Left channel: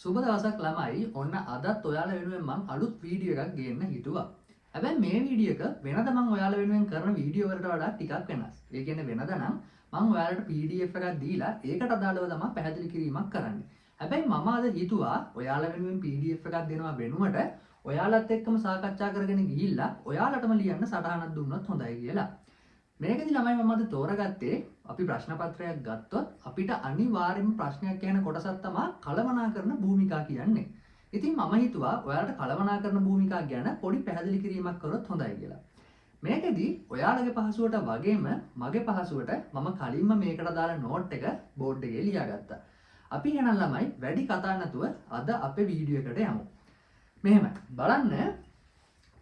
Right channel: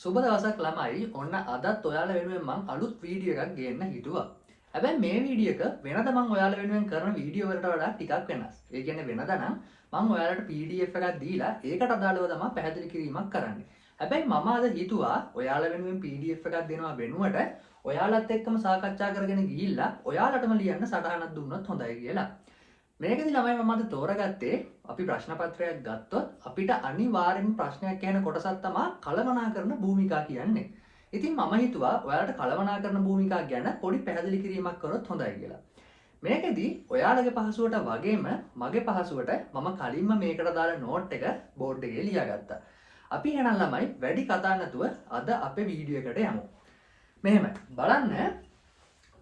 සුබ දවසක් ළමයි. ඔන්න අදත් ඔයාලා වෙනුවෙන් මං අලුත් වීඩියෝ එකක් ගේන්න හිතුවා. හැබැයි මේ වීඩියෝ එක වෙනද මං ඔයාලා වෙනුවෙන් කරන වීඩියෝ වලට වඩා ටිකක් වෙනස්. ඒ කියන්නේ වෙනද නම් මං ඔයාලට PDF එකක් දීලා ඒකට අදාළව තමයි පැහැදිලි කිරීමක් කරන්නේ. හැබැයි මම අද හිතුවා ඔයාලා වෙනුවෙන් PDF එකක් දෙනවා වෙනුවට ඔයාලත් එක්කම සාකච්ඡා කරගෙන ගිහිල්ලා ඔයාලටම ලියන්න සටහනක් දුන්නොත් හොඳයි කියලා. මේකදී ළමයි මම අද තෝරගත්තේ අපි ප්‍රශ්න පත්‍රයක් ගත්තොත් අපිට අනිවාර්යයෙන්ම ප්‍රශ්නයක් කියන කොටසක් තමයි කළමනාකරන භූමිකා කියන්නේ. ඉතින් මම හිතුවා ඔයාලට කළමනාකරන භූමිකා ගැන පොඩි පැහැදිලි කිරීමක් කරොත් හොඳයි කියලා. මේකදී ඔයාලගේ පහසුවට වගේම මගේ පහසුවට මම කලින්ම මේකට දාලා නෝට් එක බෝඩ් එකේ ලියාගත්තා. අපි එහෙනම් ළමයි වැඩි කතා නැතුව අද අපේ වීඩියෝ එකට යමු. මෙහෙමයි. බලන්න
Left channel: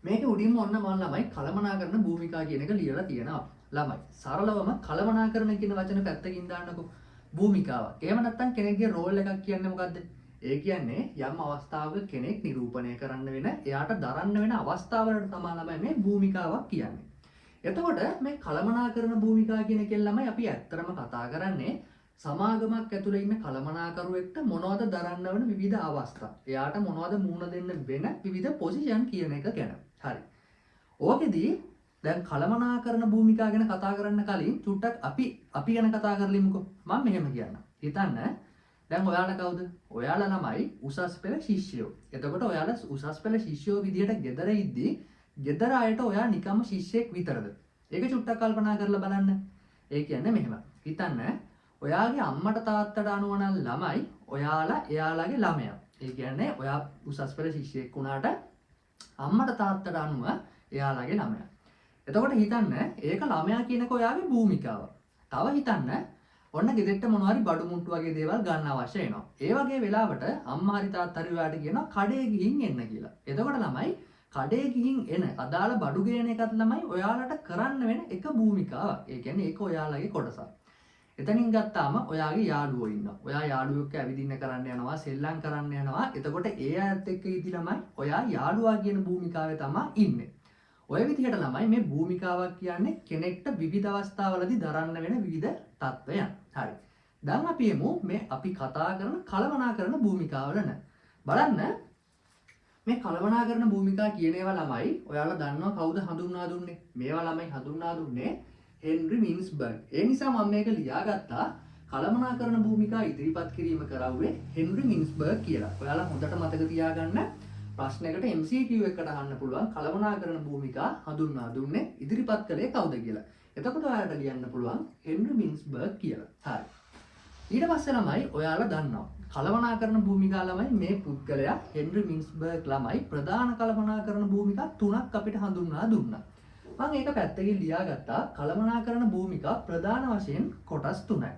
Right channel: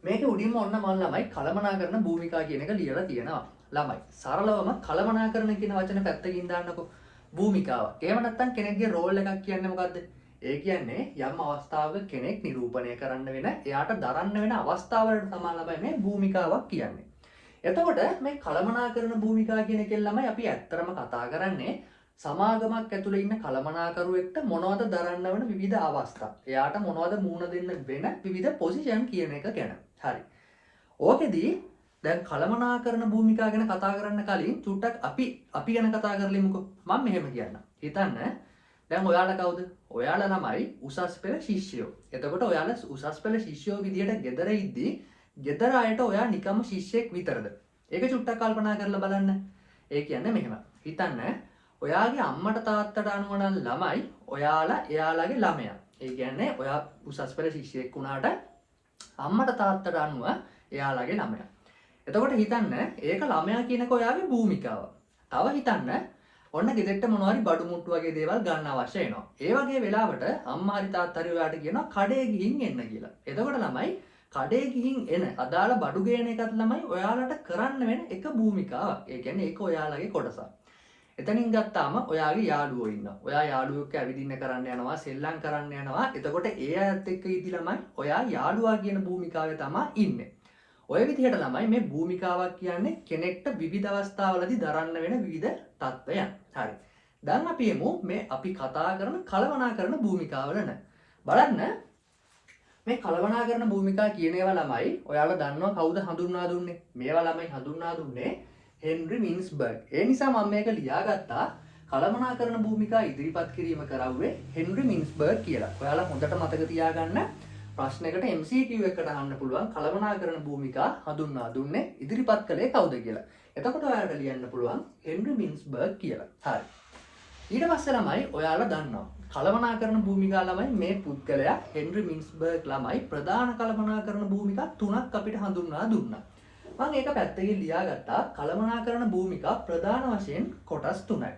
මේක උඩින්ම ඔන්න මම ළමයි කළමනාකරන භූමිකා කියන එක ලියලා තියෙනවා. ළමයි සරලවම කළමනාකරන කියන වචන පැත්තකින් දාන්නකො. භූමිකාවක්. එහෙම නැත්නම් කෙනෙක්ගේ රෝල් එකක් කියන්නේ මොකද්ද? ඒ කියන්නේ යම් අවස්ථාවක කෙනෙක් නිරූපණය කරන්න වෙන, එයාට දරන්න වෙන අවස්ථාවලට තමයි ළමයි මේ භූමිකාවක් කියන්නේ. එතකොට මේ කළමනාකරන භූමිකා කියන එකෙන් ළමයි අපි ඇත්තරම කතා කරන්නේ සමාගමක් ඇතුළේ ඉන්න කළමනාකරුවෙක්ට මොනවද දරන්න වෙන විවිධ අවස්ථා. එයාට මොනවද මුහුණ දෙන්න වෙන විවිධ පොසිෂන් කියන එක ගැන. හරි. ඕකෙදී දැන් කළමනාකරන භූමිකා ගැන කතා කරන්න කලින් චුට්ටක් අපි ගැන කතා කරලිමුකෝ. මම මෙහෙම කියන්න. හිතන්න දැන් ඔයාලා කවුද? ඔයාලා ළමයි උසස් පෙළ ශිෂ්‍යයෝ. එතකොට ඔයාලා උසස් පෙළ ශිෂ්‍යයෝ විදියට ගෙදර ඉද්දී ගෙදර අයට ඔයා නිකම්ම ශිෂ්‍යෙක් විතරද? ඒක චුට්ටක් කල්පනා කරලා බලන්න. ඒ කියන්නේ මෙහෙම. හිතන්න ඔයාගේ අම්මට තාත්තට අනුව නම් ළමයි ඔයාලා එයාලගේ ළමයා. ඒ කියන්නේ ඔයා උසස් පෙළ ශිෂ්‍යයෙක් වුණාට අම්මට තාත්තට අනුව එයාලගේ ළමයා. එතකොට හිතන්න ඒක ළමයා කියනක ඔයාගේ භූමිකාව. තව හිතන්න ඔන්න ගෙදරට මොනවා හරි බඩු මුට්ටු වගේ දේවල් ගන්න අවශ්‍ය වෙනවා. ඒ වගේ වෙලාවට අම්මා හරි තාත්තා හරි ඔයාට කියනවා කඩේ ගිහින් එන්න කියලා. එතකොට ළමයි කඩේ ගිහින් එන අදාළ බඩු ගේන එකත් ළමයි ඔයාලට කරන්න වෙන එක භූමිකාවක්. ඒ කියන්නේ ඒක ඔයාලගේ කොටසක්. එතනින් ගත්තාම ඔයාගේ යාළුවෝ ඉන්නවා. ඔයා යාළුවෝ එක්ක ඇවිදින්න කරන්න යනවා, සෙල්ලම් කරන්න යනවා. එතකොට ඒ අයත් එක්ක ඉදි ළමයි ඔයා යාළුවා කියන භූමිකාවේ තමයි ඉන්නේ. ඔය විදිහට ළමයි මේ භූමිකාවක් කියන්නේ කෙනෙක්ට විවිධ අවස්ථාවලදී දරන්න වෙන විවිධ තත්ත්වයන්. හරි. දැන් අපි එමු මේ අපි කතා කරන කළමනාකරන භූමිකාවල න. බලන්න මේ කළමනාකරන භූමිකා කියන ඒවා ළමයි ඔයාලා දන්නවා කවුද හඳුන්වා දුන්නේ? මේවා ළමයි හඳුන්වා දුන්නේ හෙන්රි මින්ස්බර්ග්. ඒ නිසා මම මේක ලියාගත්තා කළමනාකරන භූමිකා ඉදිරිපත් කිරීම කරවුවේ හෙන්රි මින්ස්බර්ග් කියලා. ඔයාලා හොඳට මතක තියාගන්න. ප්‍රශ්නයකට MCQ එකකට අහන්න පුළුවන් කළමනාකරන භූමිකා හඳුන්වා දුන්නේ ඉදිරිපත් කළේ කවුද කියලා. එතකොට ඔයාලට ලියන්න පුළුවන් හෙන්රි මින්ස්බර්ග් කියලා. හරි. ඊට පස්සේ ළමයි ඔයාලා දන්නවා කළමනාකරන භූමිකා ළමයි මේ පුද්ගලයා හෙන්රි මින්ස්බර්ග් ළමයි ප්‍රධාන කළමනාකරන භූමිකා තුනක් අපිට හඳුන්වා දුන්නා. මම ඒක පැත්තකින් ලියාගත්තා කළමනාකරන භූමිකා ප්‍රධාන වශයෙන් කොටස් 3යි.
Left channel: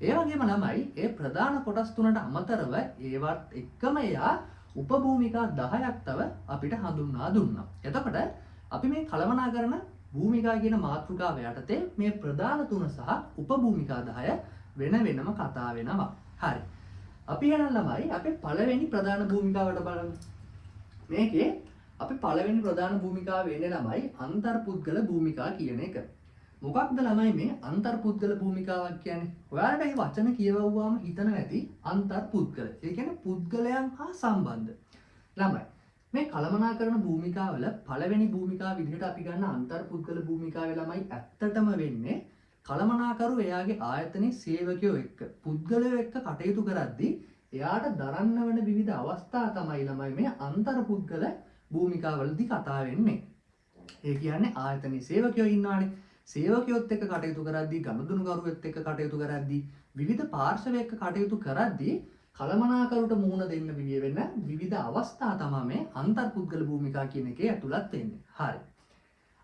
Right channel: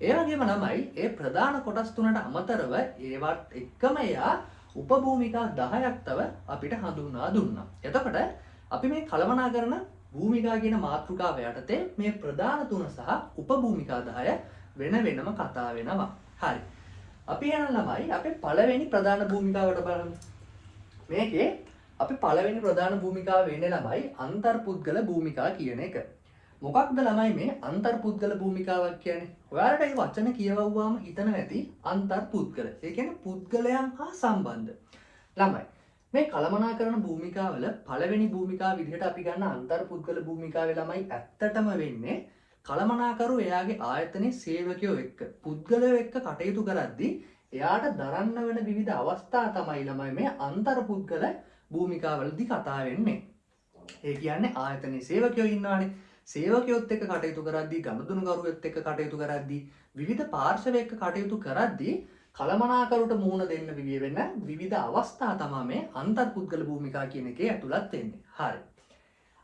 ඒ වගේම ළමයි ඒ ප්‍රධාන කොටස් 3ට අමතරව ඒවත් එක්කම එයා උපභූමිකා 10ක් තව අපිට හඳුන්වා දුන්නා. එතකොට අපි මේ කළමනාකරන භූමිකා කියන මාතෘකාව යටතේ මේ ප්‍රධාන තුන සහ උපභූමිකා 10 වෙන වෙනම කතා වෙනවා. හරි. අපි යන ළමයි අපේ පළවෙනි ප්‍රධාන භූමිකාවට බලමු. මේකේ අපි පළවෙනි ප්‍රධාන භූමිකාව වෙන්නේ ළමයි අන්තර්පුද්ගල භූමිකා කියන එක. මොකක්ද ළමයි මේ අන්තර්පුද්ගල භූමිකාවක් කියන්නේ? ඔයාලට මේ වචන කියවුවාම හිතන නැති අන්තර්පුද්ගල. ඒ කියන්නේ පුද්ගලයන් හා සම්බන්ධ. ළමයි මේ කළමනාකරන භූමිකාවල පළවෙනි භූමිකාව විදිහට අපි ගන්න අන්තර්පුද්ගල භූමිකාවේ ළමයි ඇත්තටම වෙන්නේ කළමනාකරු එයාගේ ආයතනයේ සේවකයෝ එක්ක පුද්ගලයෝ එක්ක කටයුතු කරද්දී එයාට දරන්න වෙන විවිධ අවස්ථා තමයි ළමයි මේ අන්තර්පුද්ගල භූමිකාවලදී කතා වෙන්නේ. ඒ කියන්නේ ආයතනයේ සේවකයෝ ඉන්නවානේ. සේවකයොත් එක්ක කටයුතු කරද්දී, ගනුදෙනුකරුවෙත් එක්ක කටයුතු කරද්දී, විවිධ පාර්ශව එක්ක කටයුතු කරද්දී කළමනාකරුට මුහුණ දෙන්න වෙන විවිධ අවස්ථා තමයි මේ අන්තර්පුද්ගල භූමිකා කියන එකේ ඇතුළත් වෙන්නේ. හරි.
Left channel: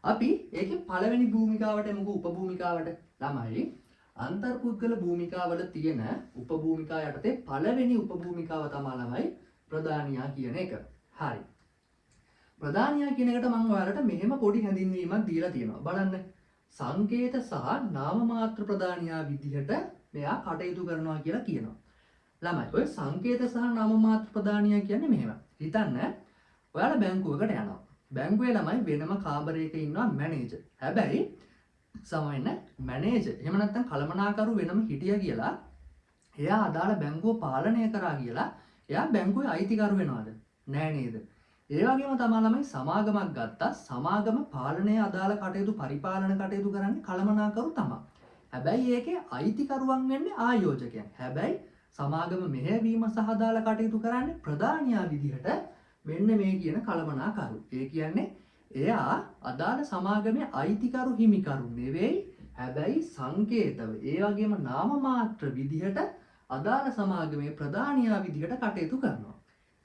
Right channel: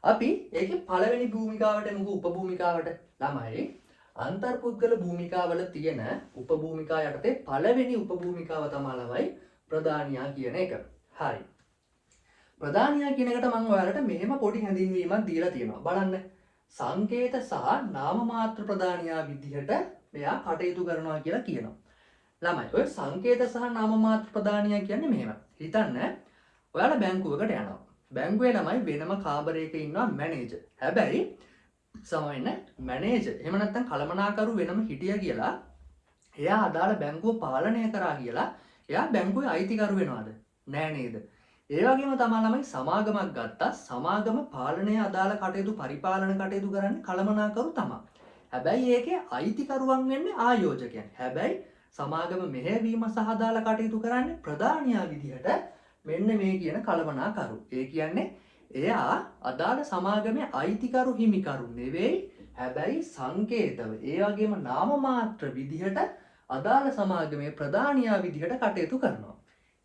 අපි ඒකේ පළවෙනි භූමිකාවට එමුකෝ උපභූමිකාවට. ළමයි අන්තර්පුද්ගල භූමිකාවල තියෙන උපභූමිකා යටතේ පළවෙනි උපභූමිකාව තමයි ළමයි ප්‍රධානියා කියන එක. හරි. ප්‍රධානියා කියන එකට මම ඔයාලට මෙහෙම පොඩි හැඳින්වීමක් දීලා තියෙනවා. බලන්න. සංකේත සහ නාම මාත්‍ර ප්‍රධානියා විදිහට මෙයා කටයුතු කරනවා කියලා කියනවා. ළමයි ඔය සංකේත සහ නාම මාත්‍ර ප්‍රධානියා කියන්නේ මෙහෙම. හිතන්න ඔයාලා බැංකුවකට යනවා. බැංකුවේ ළමයි වෙනම කාමරයක ඉන්නවා මැනේජර්. හැබැයි සමහරවිට මැනේජර් එහෙම නැත්නම් කළමනාකරු වෙනම හිටියා කියලා එයා අදාළ බැංකුව පාලනය කරා කියලා එයා බැංකුවේ අයිතිකරු වෙනවද? නෑ නේද? ඒ වගේම තමයි ළමයි සමාගමක් ගත්තා. සමාගම පාලනය අදාළ කටයුතු පරිපාලන කටයුතු කරන්නේ කළමනාකරු තමයි. හැබැයි ඒකේ අයිතිකරුවන් වෙන්නේ ආයෝජකයන්. හැබැයි සමාගම මෙහෙයවීම සහ අදාළ කටයුතු කරන්නේ ප්‍රධානියා විදිහට මෙන්න මේ කියන කළමනාකරු. ඒ කියන්නේ එයා අදාළ සමාගමේ අයිතිකරු හිමිකරු නෙවෙයි. හැබැයි සංකේතව ඒ වගේම නාම මාත්‍ර විදිහට අදාළ සමාගමේ ප්‍රධානියා විදිහට කටයුතු කරනවා.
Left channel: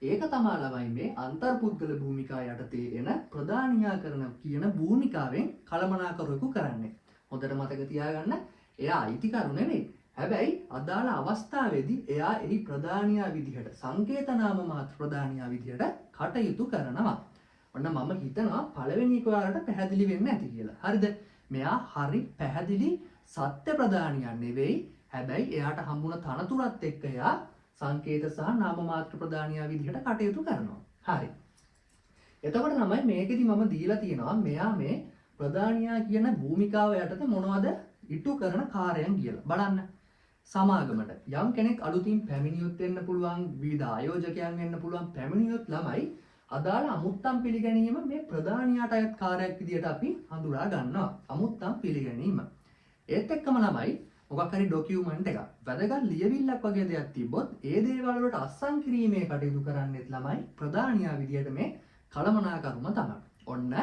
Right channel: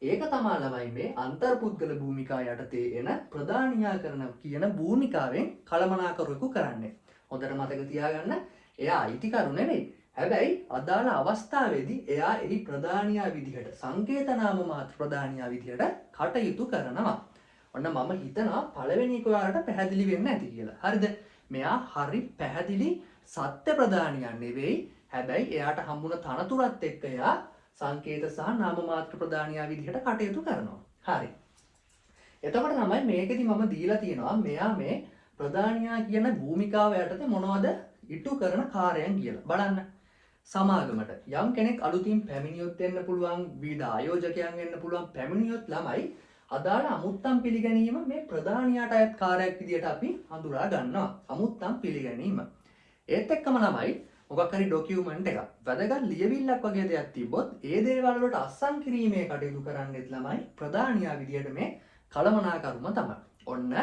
ඒක තමයි ළමයි මේ අන්තර්පුද්ගල භූමිකා යටතේ එන ප්‍රධානියා කරන කියන භූමිකාවෙන් කළමනාකරුවෙකු කරන්නේ. හොඳට මතක තියාගන්න එයා අයිතිකරු නෙවෙයි. හැබැයි අදාළ අවස්ථාවේදී එයා එහි ප්‍රධානියා විදිහට සංකේත නාම මාත්‍ර ප්‍රධානියා විදිහට කටයුතු කරනවා. ඔන්න මම හිතනවා පළවෙනි එක ඔයාලට පැහැදිලි වෙන්න ඇති කියලා. හරිද? මෙයා හරි පැහැදිලි සත්‍ය ප්‍රධානියා නෙවෙයි. හැබැයි එයාට හම්බුන තනතුරත් එක්ක එයා සංකේත සහ නාම මාත්‍ර ප්‍රධානියා විදිහට කටයුතු කරනවා. හරි. එතකොට තමයි මේකෙදි මම දීලා තියෙනවා මෙයා මේ ප්‍රධානියා කියන භූමිකාව යටතේ මොනවද ඉටු කරන කාර්යයන් කියලා. බලන්න. සමාගමට යම් කෙනෙක් අලුතින් පැමිණියොත් වෙන්න පුළුවන්, විවිධ ආයෝජකයන් වෙන්න පුළුවන්. පැමිණියොත් ළමයි අදාළ අමුත්තම් පිළිගැනීම මේ ප්‍රධානියාට අයත් කාර්යයක් විදිහට අපි හඳුනා ගන්නවා. අමුත්තම් පිළිගැනීම. ඒත් එක්කම ළමයි මොකක් හරි ඩොකියුමන්ට් එකක් වැදගත් ලියවිල්ලක් වගේ දෙයක් තිබ්බොත් ඒ දේවල් වලට අත්සන් කිරීමේ කටයුතු කරන්නෙත් ළමයි ප්‍රධානියා විදිහට මේ කළමනාකරුම තමයි. ඔන්න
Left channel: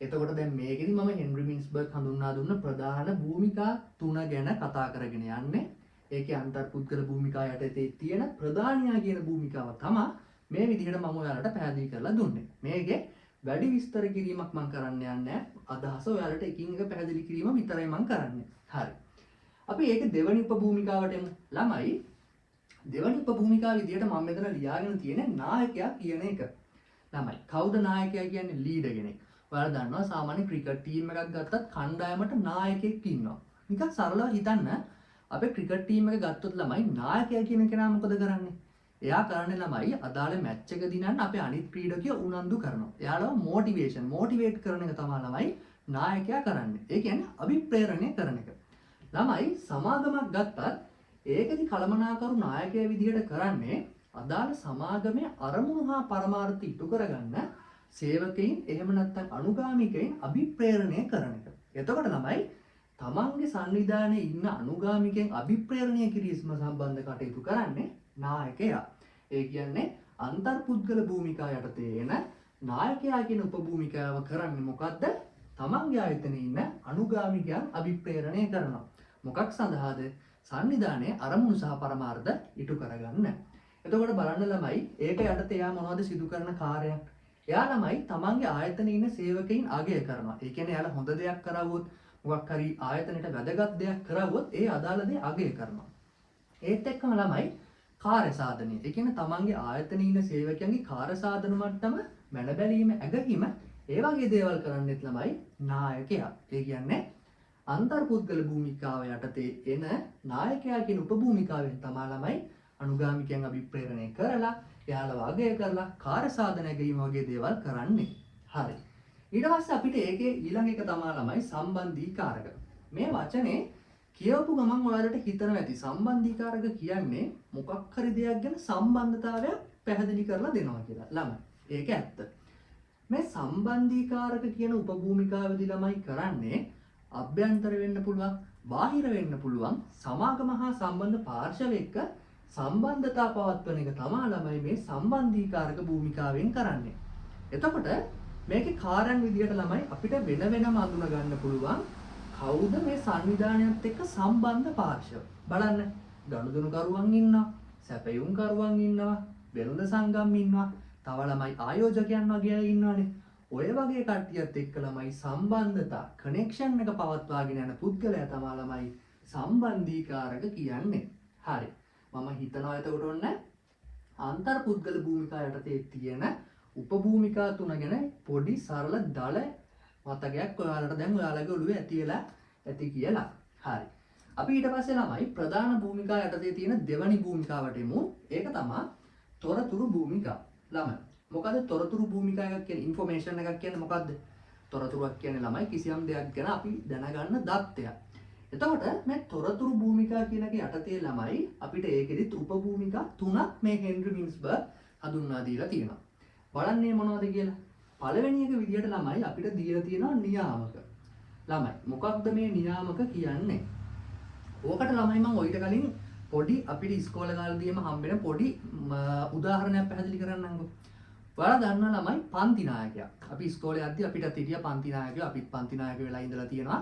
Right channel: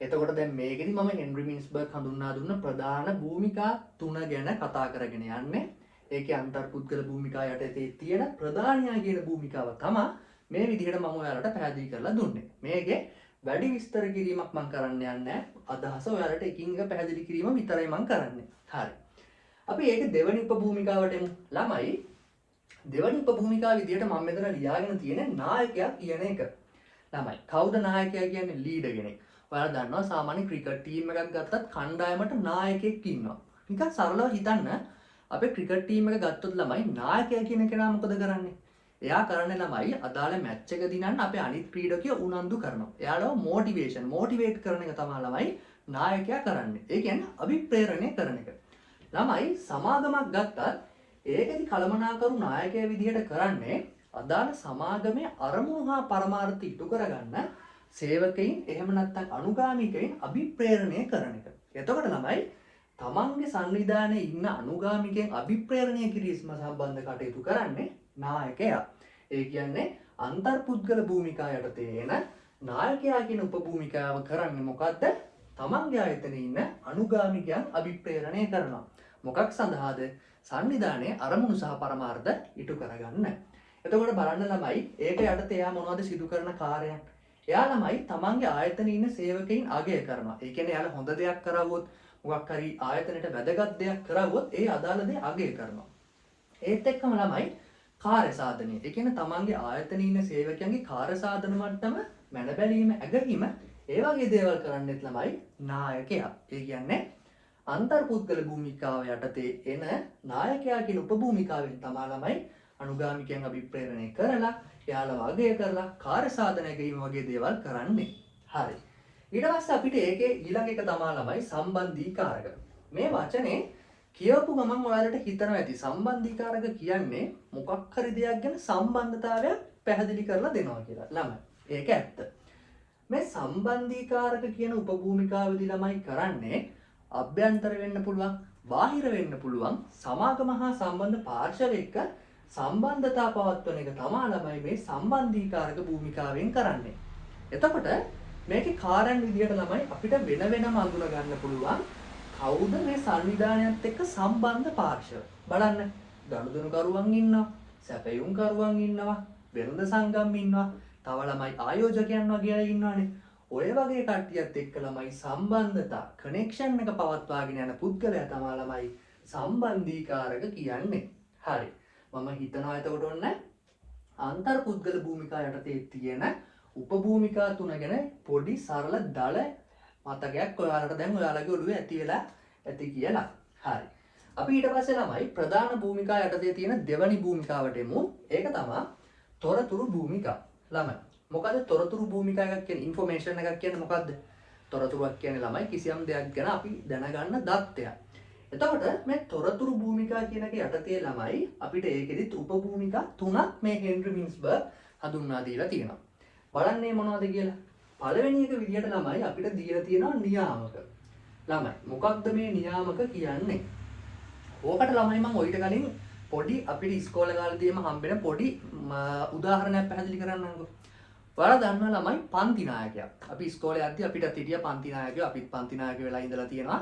එතකොට දැන් මේකෙදි මම හෙන්රි මින්ස්බර්ග් හඳුන්වා දුන්න ප්‍රධාන භූමිකා 3 ගැන කතා කරගෙන යන්නේ. ඒකේ අන්තර්පුද්ගල භූමිකා යටතේ තියෙන ප්‍රධානියා කියන භූමිකාව තමයි මේ විදිහට මම ඔයාලට පැහැදිලි කරලා දුන්නේ. මේකේ වැඩි විස්තර කිරීමක් මම කරන්න යන්නේ නැහැ. අදහස ඔයාලට එකින් එක පැහැදිලි කිරීම විතරයි මම කරන්නේ. හරි. අපි ඒක දෙවනි උපභූමිකාවට එමු. ළමයි දෙවනි උපභූමිකාව විදිහට මම මෙතන ලියාගෙන තියෙන්නේ නායකයා කියන එක. ළමයි කවුද නායකයා කියන්නේ? ලීඩර් කෙනෙක්. ඔයාලා දන්නවා සාමාන්‍ය ක්‍රිකට් ටීම් එකක් ගත්තත් කණ්ඩායමට නායකයෙක් ඉන්නවා. නිකන් සරලව හිතන්න අපේ ක්‍රිකට් ටීම් එක ගත්තොත් ළමයි නායකයා කියන කෙනා මොකද කරන්නේ? එයා කරන්නේ ළමයි අදාළ මැච් එක දිනන්න අපේ අනිත් ක්‍රීඩකයෝ උනන්දු කරනවා. එයාලව මොටිවේට් කරන එක තමයි ළමයි නායකයා කරන්නේ. ඒ කියන්නේ අභිප්‍රේරණය කරන එක. ළමයි සමාගමක් ගත්තත් ඒකෙදි කළමනාකරු නායකයා විදිහට කරන්නේ අදාළ සමාගමේ අරමුණු හා පරමාර්ථ ඉටු කරගන්න සේවකයින් එහෙම නැත්නම් අනුගාමිකයින් අභිප්‍රේරණය කරන එක. එතකොට ළමයි තමන්ගේ සංවිධානයේ ඉන්න අනුගාමිකයන් අභිප්‍රේරණය කිරීම සම්බන්ධ කටයුතු කරන්නේ නායකයා. ඒ කියන්නේ අන්තර්පුද්ගල භූමිකා යටතේ එන නායකයා කියන උපභූමිකාව කරන්නේ මොකද්ද? තමන්ගේ ආයතනයේ ඉන්න අනුගාමිකයන් අභිප්‍රේරණය කරනවා. මොකක් සඳහාද? සංවිධානයේ අරමුණු සහ පරමාර්ථ ඉටු කරගන්න. එතකොට බලන්න ළමයි ඒක යටතේ එයා මොනවද සිදු කරන කාර්යයන්? එයා ළමයි තමන්ගේ ආයතනයේ ඉන්න සේවකයින් අගය කරනවා. ඒ කියන්නේ එයාලා හොඳ දෙයක් කරවුවොත් මොකක් හරි ආයතනයට වැදගත් දෙයක් කරවුවොත් ඒ අදාළ දේ අගය කරනවා. ඒත් එක්කම ළමයි කාර්ය සාධනය. ඒ කියන්නේ තමන්ගේ ආයතනයේ ඉන්න සේවකයන්ගේ කාර්ය සාධන මට්ටම මැන බැලීම, ඇගීම ඒ වගේ දේවල් කරන්නෙත් ළමයි නායකයා. ඒ කියන්නේ අන්තර්පුද්ගල භූමිකාව යටතේ එන නායකයා කියන උපභූමිකාවෙන් තමයි ළමයි අනුගාමිකයන් අභිප්‍රේරණය කරලා එයාලා වගය කරලා කාර්ය සාධනය ගැනීම වගේ දේවල් කරන්නේ. හරි. ඊට පස්සේ අපිට ඒකේ ඊළඟ එක තමයි ළමයි සම්බන්ධීකාරක. මේ වචනේ කියවපු ගමන් ඔයාලට හිතනවා ඇති සම්බන්ධීකාරක කියන්නේ මොකක් හරි දෙයක් ගැන සම්බන්ධතාවයක් පැහැදිලි කරලා දෙනවා කියලා. ළමයි ඒක ඇත්ත. මේ සම්බන්ධීකාරක කියන උපභූමිකාවේදී ළමයි කරන්නේ අභ්‍යන්තර වෙන්න පුළුවන්, බාහිර වෙන්න පුළුවන් සමාගම හා සම්බන්ධ පාර්ශව එක්ක සම්බන්ධතා පවත්වන එක තමයි ළමයි මේ සම්බන්ධීකාරක භූමිකාවෙන් කරන්නේ. එතකොට මේකේ කාර්යයන් විදියට ළමයි අපිට වෙන වෙනම අඳුන ගන්න පුළුවන් කවුද මේ සංවිධානයත් එක්ක සම්බන්ධ පාර්ශව. බලන්න ගනුදෙනු කරුවන් ඉන්නවා, සැපයුම් කරුවන් ඉන්නවා, වෙළඳ සංගම් ඉන්නවා, තව ළමයි ආයෝජකයන් වගේ අය ඉන්නවානේ. ඔය වගේ කට්ටියත් එක්ක ළමයි සම්බන්ධතා කනෙක්ෂන් එක පවත්වාගෙන යන පුද්ගලයා තමයි ළමයි සම්බන්ධීකාරක කියන්නේ. හරි. මම හිතනවා එතකොට ඔන්න අන්තර්පුද්ගල භූමිකා යටතේ තියෙන උපභූමිකා 3 ගැන පොඩි සරල දල මතකයක් ඔයාලට දැන් ඔයාලගේ ඔළුවේ ඇති වෙලා ඇති කියලා. හරි. අපි ඊට පස්සේ ළමයි ප්‍රධාන භූමිකා යටතේ තියෙන දෙවනි භූමිකාවට එමු. ඒක තමයි තොරතුරු භූමිකා. ළමයි මොකද තොරතුරු භූමිකා එකක් කියන්නේ ඉන්ෆෝමේෂන් එකක් කියන්නේ මොකද්ද? තොරතුරක් කියන්නේ ළමයි කිසියම් දෙයක් ගැන අපි දැනගන්න දත්තයක්. එතකොට මේ තොරතුරු භූමිකා කියන එක යටතේ ළමයි අපිට ඒකෙදිත් උපභූමිකා තුනක් මේ හෙන්රි මින්ස්බර්ග් හඳුන්වා දීලා තියෙනවා. බලන්න මේ මොනවද කියලා. පළවෙනි එක විදිහට ළමයි අපිට දීලා තියෙනවා නියාමක. ළමයි මොකක්ද මේ නියාමක කියන්නේ? ඕකට ළමයි මම ඔයිට කලින් පොඩි අපිට ඉස්කෝලේ කාලේදීම හම්බෙන පොඩි උදාහරණයක් පැහැදිලි කරන්නම්කෝ. ඔයාලා දන්නා ළමයි පන්ති නායකයා. අපි ඉස්කෝලේ යද්දි අපිට හිටිය පන්ති නායකයෝ අපිත් පන්ති නායක වෙලා ඉඳලා තියෙනවා.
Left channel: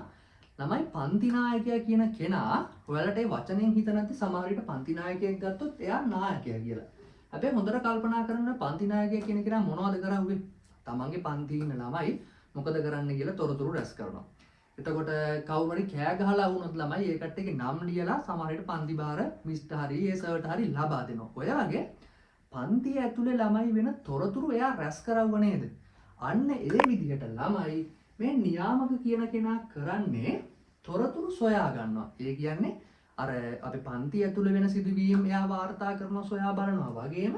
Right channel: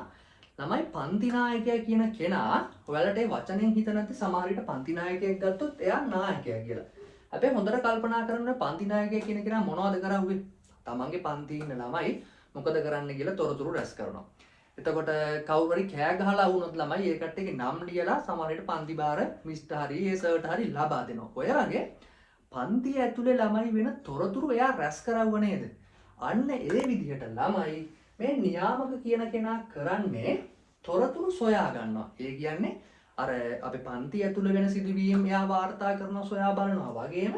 ළමයි පන්ති නායකයා කියන කෙනා ඔයාලට ඒ වචනෙන් හිත නැති සමහර විට පන්ති නායකයෙක් ගත්තොත් එයා නායකයා කියලා. අපි හොඳට කල්පනා කරන්න පන්ති නායකයා කියන කෙනා මොනවද කරන්නේ? තමන්ගේ පන්තියේ ඉන්න ළමයි මොකද කරන්න කියලා තොරතුරු රැස් කරනවා. එතකොට කවුරු හරි කෑ ගහලා වුණොත් ළමයි ඒ කට්ටියගේ නම් ලියලා සමහර විට පන්ති බාර මිස්ටර් හරි ඒ සර්ට හරි ලබා දෙනවා. ඔය වගේ පන්තිය ඇතුලේ ළමයි වෙන තොරතුරු එයා රැස් කරවුව නේද? අන්න ඒ විදිහට ළමයි මේ නියාමක කියන කෙනා කරන්නේ තොරතුරු සොයා ගන්නවා. ඒ කියන්නේ අර අපේ පන්ති ඇතුලේ වෙන සිදුවීම් එයා වාර්තා කරනවා සොයා බලනවා වගේම